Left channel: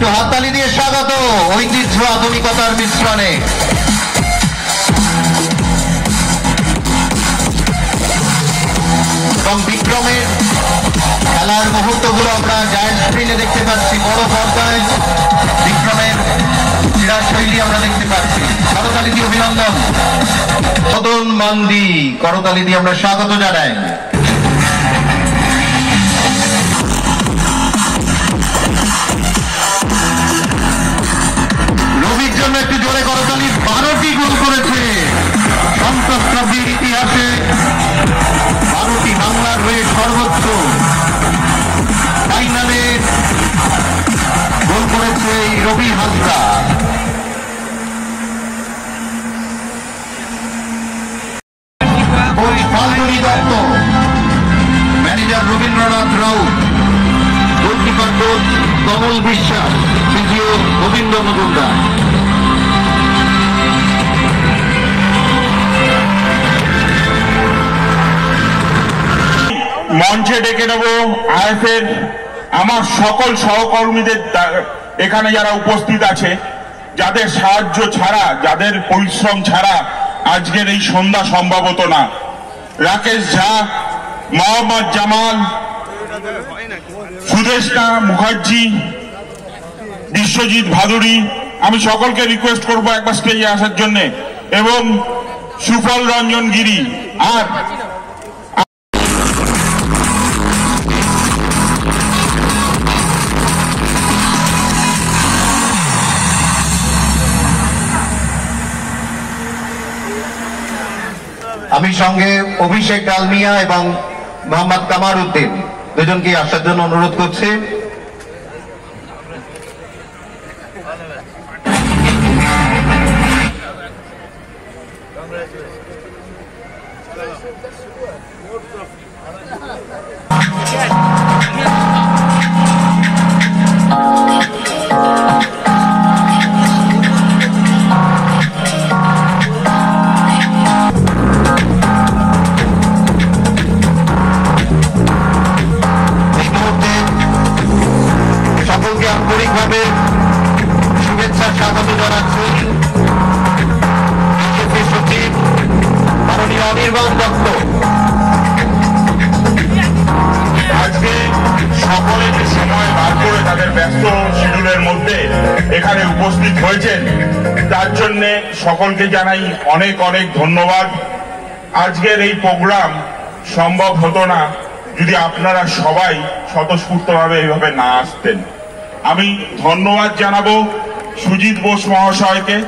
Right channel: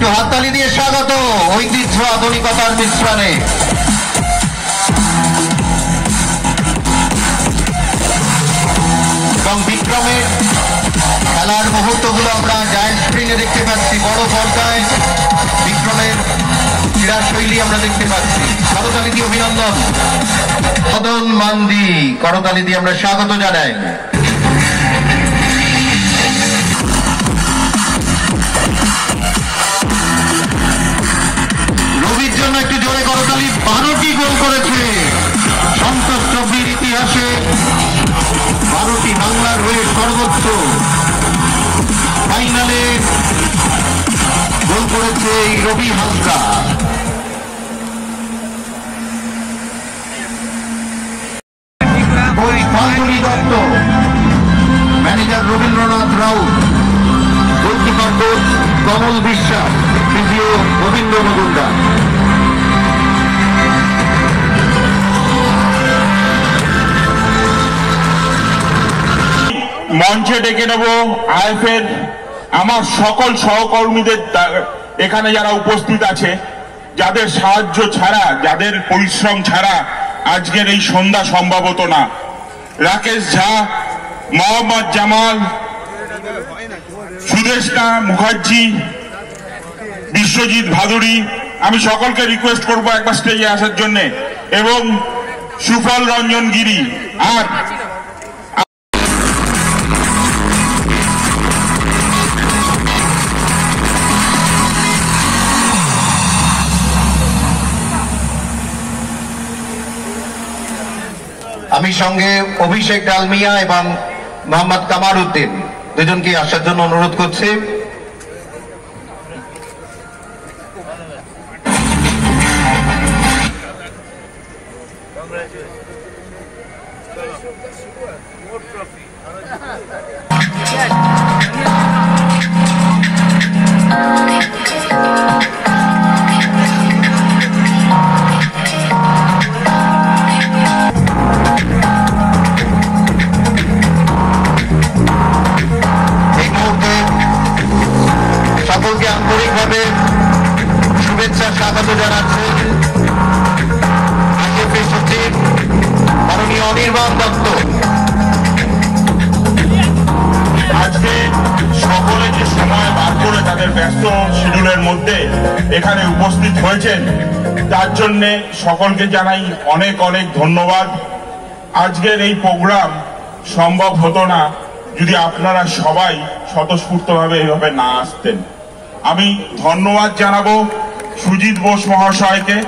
একটু হাততালি দিয়ে স্বাগত ঐতিহ্য আধুনিকতার মিশ্রণে। এবং বিক্রমের খেলার মুহূর্তগুলো আমরা জায়ান্ট স্ক্রিনে দেখতে পাচ্ছি, বড় পর্দায় বিক্রমের ক্রীড়া শৈলী আমরা দেখতে পাচ্ছি। করতালি দিয়ে অভিনন্দন। মদন মান্ডি, করতালি দিয়ে আমরা স্বাগত জানাই। রবির জন্য একটু জোরে করতালি। 12টি গোল করেছে সন্তোষ ট্রফির ইতিহাসে, 12টি বাংলার হয়ে সর্বোচ্চ ফাইনালে গোল করেছে এই Rabi Hansda. Falguni Dutta, manager Rabindranath Raut, goalkeeper coach Kamal Biswas, physio Govinda Majumdar. মঞ্চে ডেকে নেব আইএফের আমার সকল সহকর্মীদের, এখানে যারা উপস্থিত আছে, যাদের সাহায্য ছাড়া, যাদের পরিশ্রম ছাড়া আজকের এই সন্ধ্যা সম্ভব হতো না। রাকেশ ঝা, মোহাম্মদ জামাল, সুদেশনা মুখার্জি, বিশ্বজিৎ ভাদুরী, আমি সকলকে রিকোয়েস্ট করবো একটা স্টেজে আসার জন্য, এবং সুফল রঞ্জন গিরি। আর আমি সঙ্গে অভিষেক ডালমিয়া এবং মোহাম্মদ কামার উদ্দিন দুজনকে আসার জন্য অনুরোধ করছি। আন্তরিকভাবে শুভেচ্ছা স্বাগত জানাচ্ছি বিজেপি সচিব মাননীয় অনির্বাণ দত্ত। আজকে সকলে যে সময় বার করে তাদের ব্যস্ত শিডিউলের মধ্যে এখানে উপস্থিত হয়েছেন, তার জন্য সকলকে জানাই অনেক অনেক ধন্যবাদ। আজকের এই প্রোগ্রাম সম্ভব হতো না যদি আপনারা সবাই স্বতঃস্ফূর্তভাবে এইভাবে না আসতেন। আমি ধন্যবাদ জানাবো সুজিত বোস মহাশয়কে।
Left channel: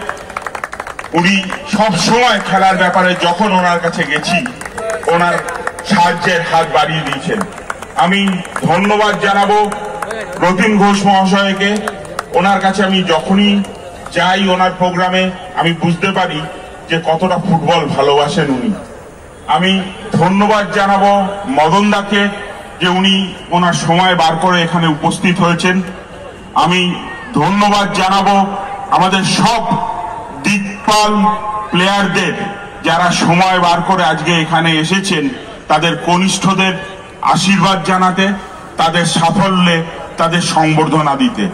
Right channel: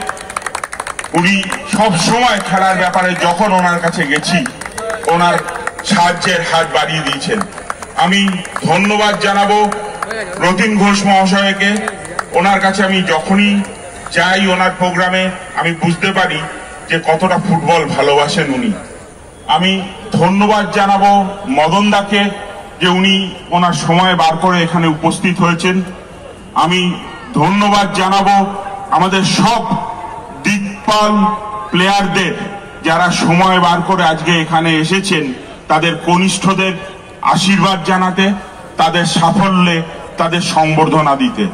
উনি সবসময় খেলার ব্যাপারে যখন ওনার কাছে গেছি ওনার সাহায্যের হাত বাড়িয়ে দিয়েছেন। আমি ধন্যবাদ জানাবো রতিন ঘোষ মহাশয়কে। ওনার কাছে আমি যখনই যাই ওনার প্রোগ্রামে আমি বুঝতে পারি যে কতটা ফুটবল ভালোবাসেন উনি। আমি ধন্যবাদ জানাবো মদন দাকে, যে উনি ওনার সময় বার করে এখানে উপস্থিত হয়েছেন। আমি ধন্যবাদ জানাবো আমাদের সব দিকপাল প্লেয়ারদের, যারা সময় বার করে আজকে এখানে এসেছেন, তাদের কনিষ্ঠদের আশীর্বাদ জানাতে, তাদের সাফল্যে তাদের সংবর্ধনা দিতে।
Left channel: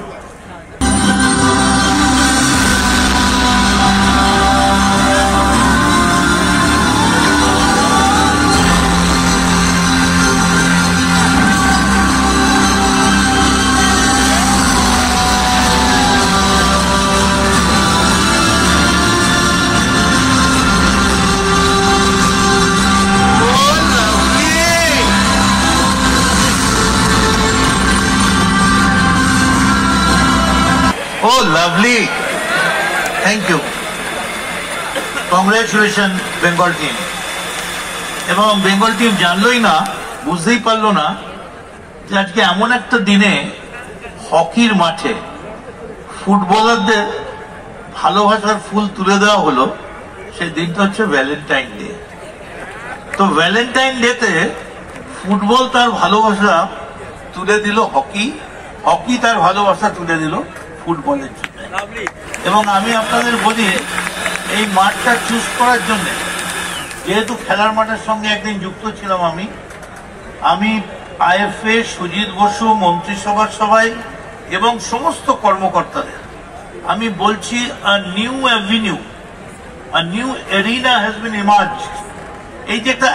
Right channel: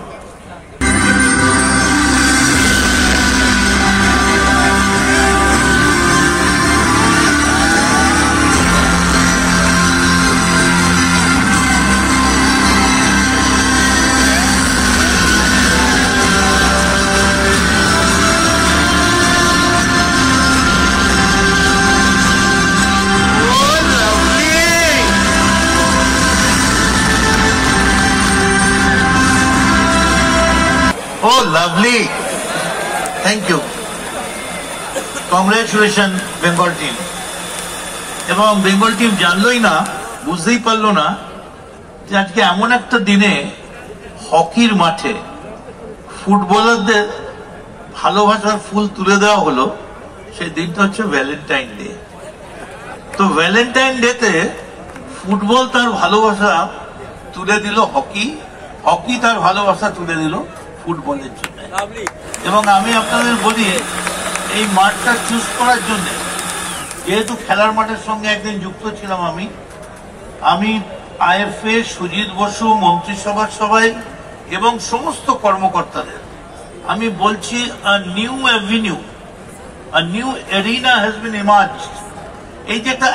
Oh, lovely. Thank you. Congratulations, Bengal team. এবং বেঙ্গল টিম জানলই না, বুঝতেই পারলো না যে আজকে এমন একটা দিনে হকির মাঠে ফুটবলারদের ভালোবাসার ফুল তুলে দেওয়া হলো। সেই দিনটা হচ্ছে ভ্যালেন্টাইন ডে। তো ভ্যালেন্টাইন ডেতে ফুটবল তার ভালোবাসা তুলে দিল হকি, হকি তার ভালোবাসা তুলে দিল ফুটবলের জন্য। এবং আমি আপনাদের বলি, এই মাঠটা চুজ করার জন্য, যেহেতু খেলার মাঠের সঙ্গে একদিন যুক্ত ছিলাম আমি আইএফএ, সুজিত বসু, মন্ত্রিসভার সবাই, এবং সমস্ত কর্মকর্তাদের আমি বলছি, new avenue, new arena has been emerged. এই যেটা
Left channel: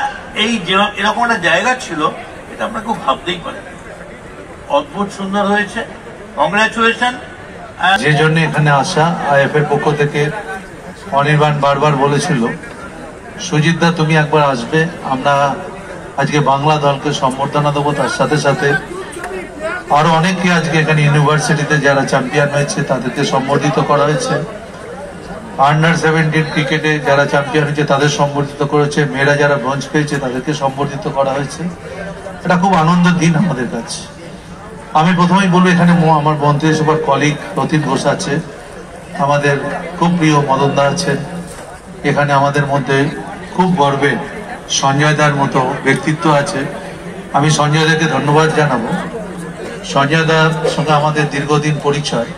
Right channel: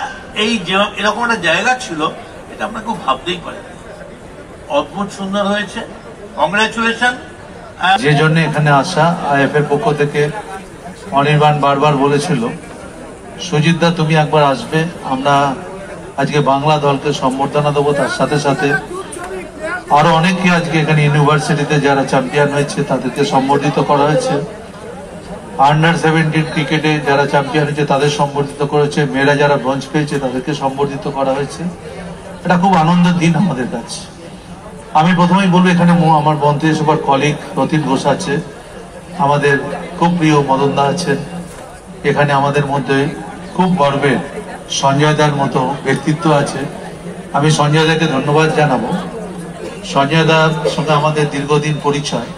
এরকম একটা জায়গা ছিল, এটা আমরা খুব ভাবতেই পারি। অদ্ভুত সুন্দর হয়েছে, কংগ্রাচুলেশন। যে জন্য এখানে আসা, আইএফ এর পক্ষ থেকে অনির্বাণ বারবার বলেছিল, সুজিতদা তুমি একবার আসবে, আমরা আজকে বাংলা দলকে সম্বর্ধনা দেবো। তার সাথে সাথে আরো অনেকে আজকে এখানে ইউনিভার্সিটিতে যারা চ্যাম্পিয়ন হয়েছে তাদেরকে সম্বর্ধিত করা হয়েছে। আন্ডার 17 ক্রিকেটে যারা চ্যাম্পিয়ন হয়েছে তাদের সম্বর্ধিত করেছে, মেয়েরা যারা ব্রোঞ্জ পেয়েছে তাদেরকে সম্বর্ধিত করা হয়েছে। এটা খুব আনন্দের দিন আমাদের কাছে। আমি প্রথমেই বলবো, এখানে আমার মন্ত্রিসভার কলিগ রতিন ঘোষ আছে, আমাদের খুব প্রিয় মদনদা আছেন, এখানে আমাদের মধ্যে খুব গর্বের সঞ্জয় দার মতো ব্যক্তিত্ব আছে। আমি সঞ্জয় দাকে ধন্যবাদ জানাবো। সঞ্জয় দার সঙ্গে আমাদের দীর্ঘদিন পরিচয়,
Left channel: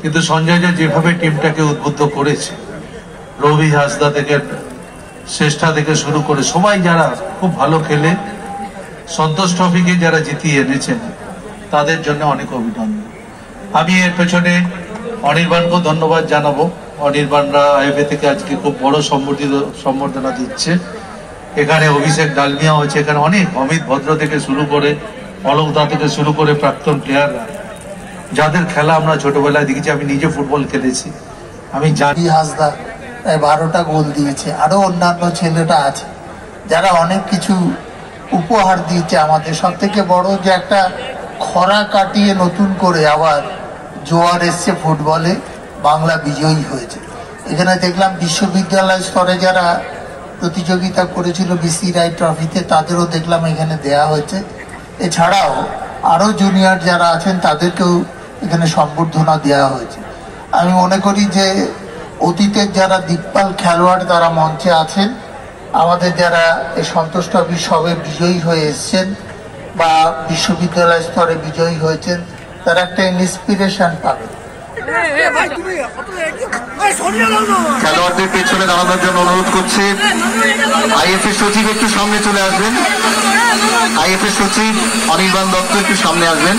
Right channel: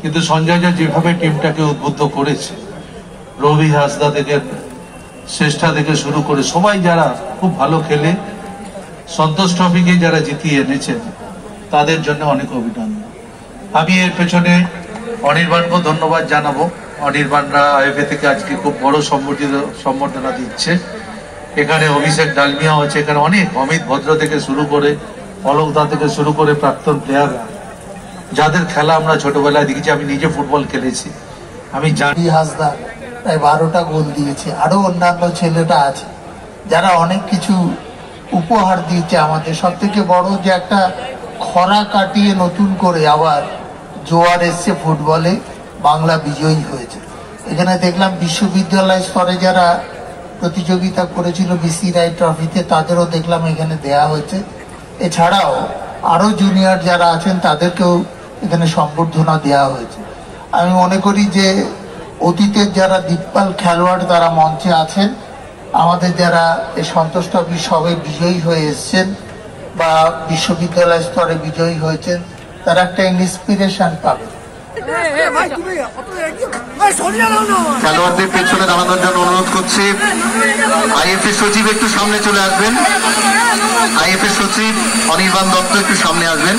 কিন্তু সঞ্জয় দা যেভাবে টিমটাকে উদ্বুদ্ধ করেছে, রবি হাসদা থেকে শ্রেষ্ঠা থেকে শুরু করে সবাই যারা খুব ভালো খেলে সন্তোষ ট্রফিকে যারা জিতিয়ে এনেছেন, তাদের জন্য অনেক অভিনন্দন। আমি এর পেছনে অনির্বাণকেও ধন্যবাদ জানাবো। অনির্বাণরা আইএফএ থেকে আজকে খুব বড় সম্বর্ধনা দিচ্ছে। এখানে অভিষেক ডালমিয়াও আছে, এখানে অনেক অমিত ভদ্র থেকে শুরু করে অলোক দা থেকে শুরু করে প্রাক্তন প্লেয়ার, যাদের খেলা আমরা ছোটবেলায় দেখেছি। আমি নিজে ফুটবল খেলেছি, আমি জানি। হাসদা প্রায় 12টা গোল দিয়েছে, আরো অন্যান্য ছেলেরা আছে যারা অনেক কিছু উপহার দিয়েছে আমাদের। সব থেকে বড় যে একটা খরা কাটিয়ে নতুন করে আবার জোয়ার এসছে ফুটবলে, বাংলা বিজয়ী হয়েছে। এখানে দেখলাম বিশ্ববিদ্যালয় স্তরে যারা প্রতিযোগিতা করেছিল বিসি রায় ট্রফিতে, তাদেরও দেখলাম এখানে দেয়া হয়েছে। এছাড়াও আরো জুনিয়র যারা আছেন তাদেরকেও এখানে সম্বর্ধনা দেওয়া হয়েছে। আমি মনে করি যে অতীতের যারা দিকপাল খেলোয়াড় তারা মঞ্চে আছেন, আমাদের যারা এই সন্তোষ ট্রফি সবে বিজয়ী হয়ে এসছেন বা বিশ্ববিদ্যালয় স্তরে বিজয়ী হয়েছেন, তারা একটা ইন্সপিরেশন পাবে। খেলোয়াড়দের পেছনে দাঁড়ানোর জন্য অনুরোধ করছি। আইএফএ সচিব একটু সামনে চলে আসবেন। আইএফএ সচিব অনির্বাণ দত্ত একটু সামনে আসবেন।